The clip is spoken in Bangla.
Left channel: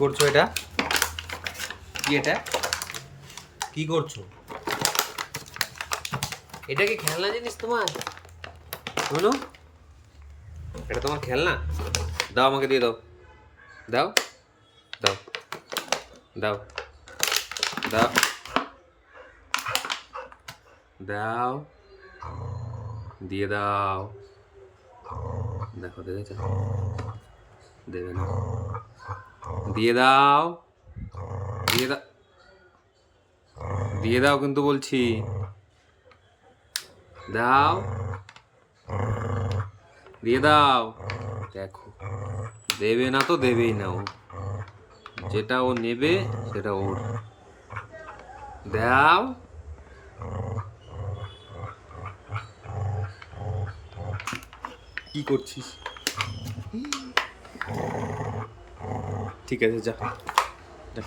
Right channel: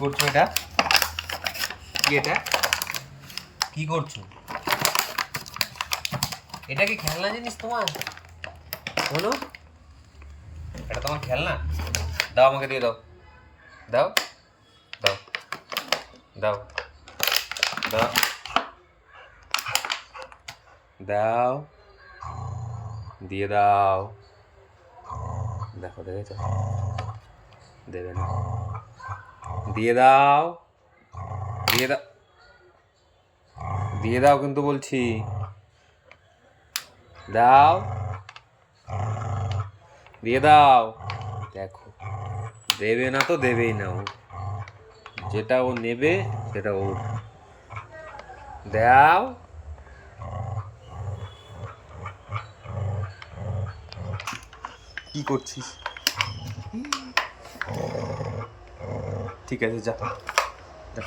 করছো এটা? কি এটা? কি করছো? এটা কি খেলনা জিনিস তোমার? অনু, এটা তোমার খেলনা? দাও, আমাকে দিয়ে দাও। দাও দাও দাও দাও দাও, দিয়ে দাও। দেখো, দেখেছ? দেবে না। দিয়ে দাও, দিয়ে দাও, দিয়ে দাও কিন্তু বলছি। দাও, দিয়ে দাও। দেখো, দেবে না তো দেবেই না ও। যেটা ও নেবে সেটা ওর। দাও। কি করছিস? ঠিক আছে, যা যা।